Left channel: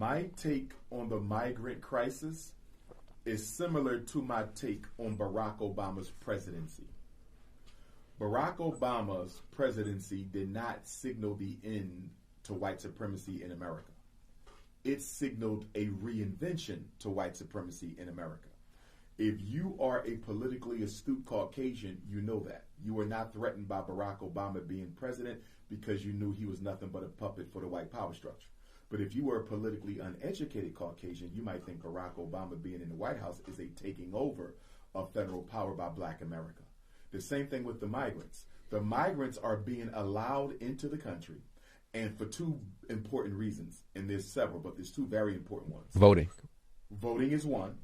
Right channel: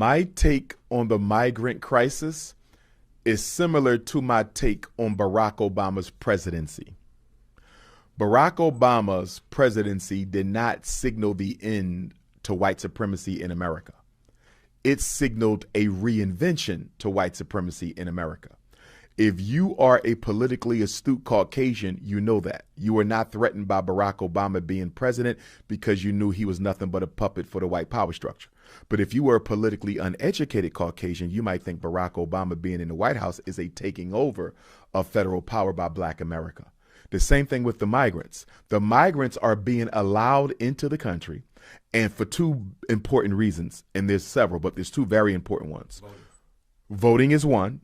My take on the migrant crisis is similar to my take on Barack Obama's presidency. Barack Obama's presidency did not signal the end to white supremacy in America. It signaled a reinvention to white supremacy in America. If you are a politically astute Caucasian, you know that. You were not threatened by Barack Obama being president because you knew he was nothing but a puppet for the white power structure. But if you were a politically uneducated Caucasian, you might think Barack Obama being in the White House is a taking over of federal power by Black America. The same thing with the migrants. The migrants are being allowed into the country, and for two important reasons, and there's several, but there's two very important ones. Voting. Voting is one,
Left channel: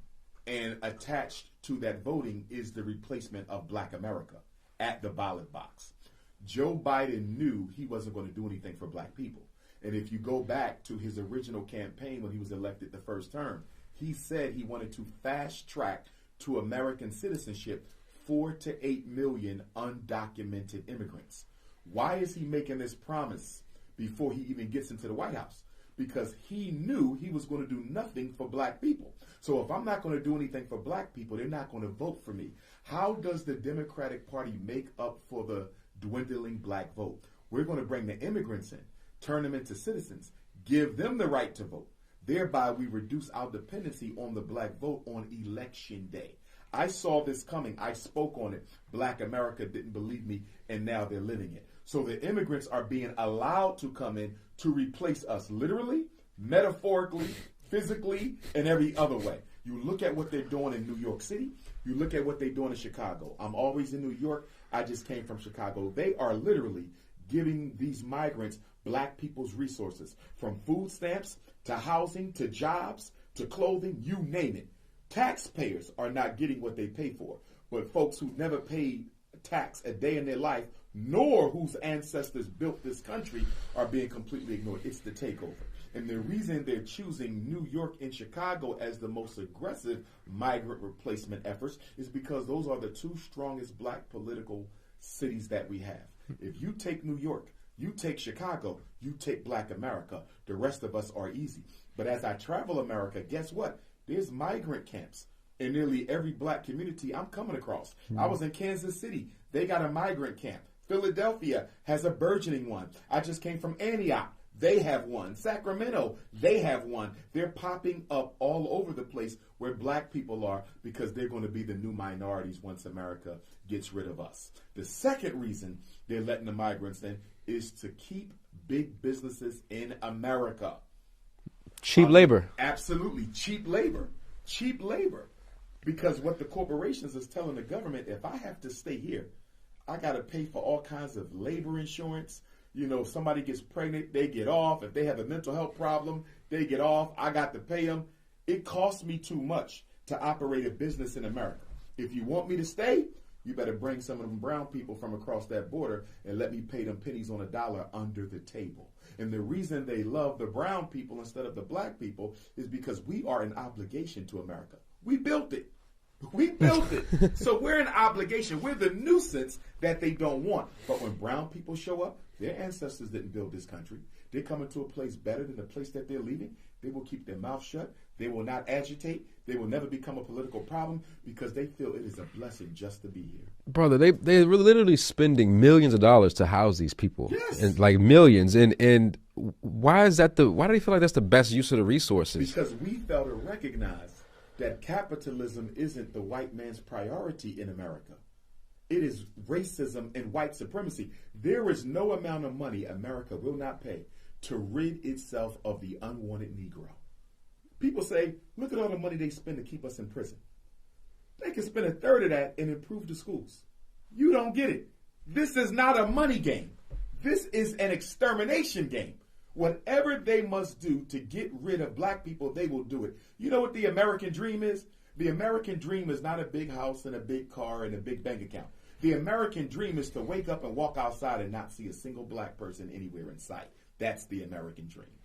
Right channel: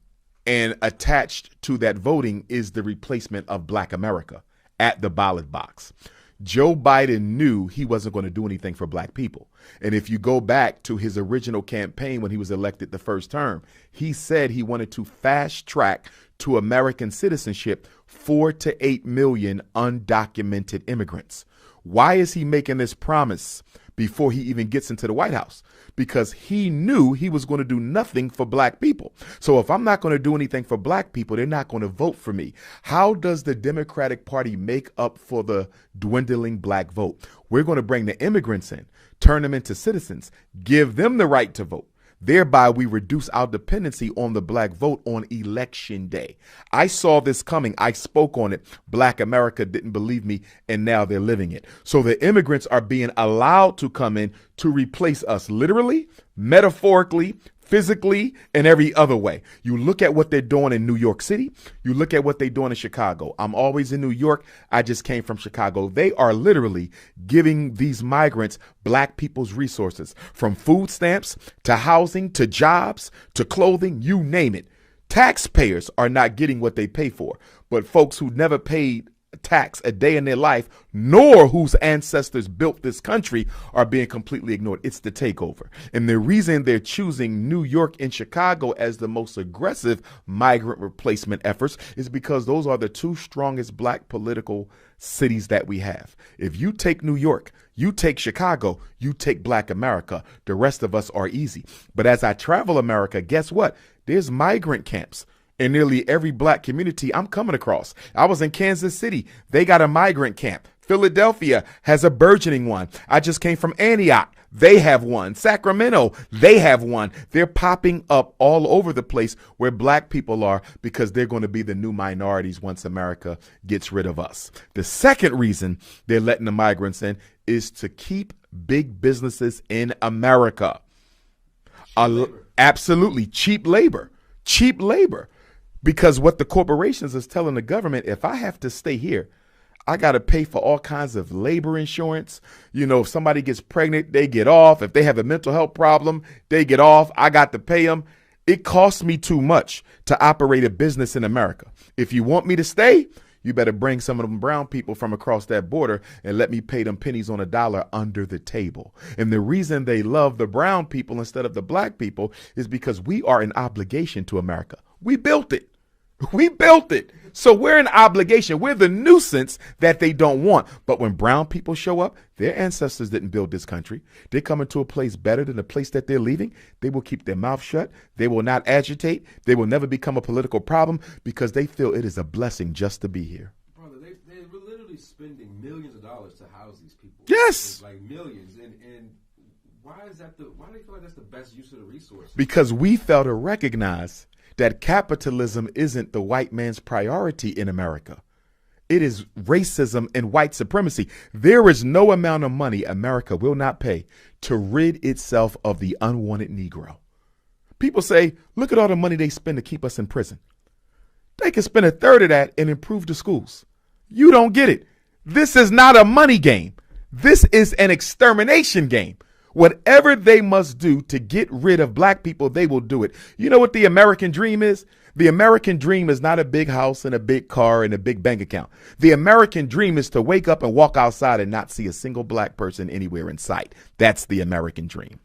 and attached to that voting is the replacement of Black America at the ballot box. Joe Biden knew he wasn't going to do anything for Black people. And if you go back to his original campaign when he was elected the first term, he said he wanted to fast track to American citizenship 4 to 8 million undocumented immigrants. Why is he making this promise before he even gets into the White House? Because he knew he was going to do nothing for Black people. So if I'm not going to do anything for Black people, they're not going to vote for me. How does the Democratic Party make up for the dwindling Black vote? We're going to bring the immigrants in, turn them into citizens, give them the right to vote. Thereby, we reduce our dependency on the Black vote on election day. I saw this coming. I spoke on it. Black America didn't believe me, and now they're living it. So the immigrants are being allowed to come in to replace us literally, metaphorically, physically, and every other way. You look at what they're doing in New York City. You look at what they're doing in Chicago. I'm always in New York. I just came from Chicago. They are literally giving these migrants Black people's resources, from food stamps to housing to jobs to clothing, you name it. Taxpayers are not getting what they pay for, but folks who never paid tax a day in their life, nor whose ancestors built this country, are being completely ignored. It's the takeover. And the reason they're choosing New York and Chicago as the most aggressive migrant replacement efforts is because those are the two strongest Black political cities that we have. If you take New York, you take Chicago, you take Black America, the rest of us are easy. But as I travel America, guess what? There's migrant camps in nearly every Black community I'm coming across. I was in Kansas City. They got a migrant camp. Philadelphia has a burgeoning one. I just came from Antioch. They have one. Sacramento, they have one. They're popping up all over the place where Black people are because they're going to be the new minorities once America gets rid of us. The second reason they're letting the migrants in is to keep big businesses in America. Cheap labor. Absolutely. Cheap labor. Cheap labor. Because what the corporations is telling the government, if I have to stay here, I got to pay for all kinds of labor insurance. You know, if somebody gets pregnant, they get off. If they have a mental health problem, they get off. I got to pay them. It costs me too much to operate a business in America. If you want me to stay, you better bring some of them brown people from across that border and let me pay them pennies on a dollar under the table. And the reason they love the brown people instead of the Black people is because we are an obligation to America. We built it. We built it. So we're an obligation. We're the nuisance that they don't want. But when brown people show up, their ancestors didn't build this country. They're coming to a place better than the place that they're leaving. They will keep their mouth shut. They will not agitate. They will never become a political problem because they feel it is a blessing just to be here. Brother, they're literally spending millions of dollars to house these people. Yes. And like millions. And why is that why do they feel like that's the best use of the resources? Because we fail to recognize that capitalism isn't the white man's priority in America. It is racism and white supremacy. There is no amount of money America will not pay to rid itself of the unwanted Negro. People say, look at all the money they spend to keep us in prison. They can spend a third of that and improve the schools. You don't get it. This is not a money game. This is an extermination game. Whatever they must do to get rid of Black people, they will do it. You know what the American dream is? The American dream is not a big house and a big car and a big bank account. The American dream is to wake up and walk outside and not see a single Black person anywhere in sight. That's the American dream.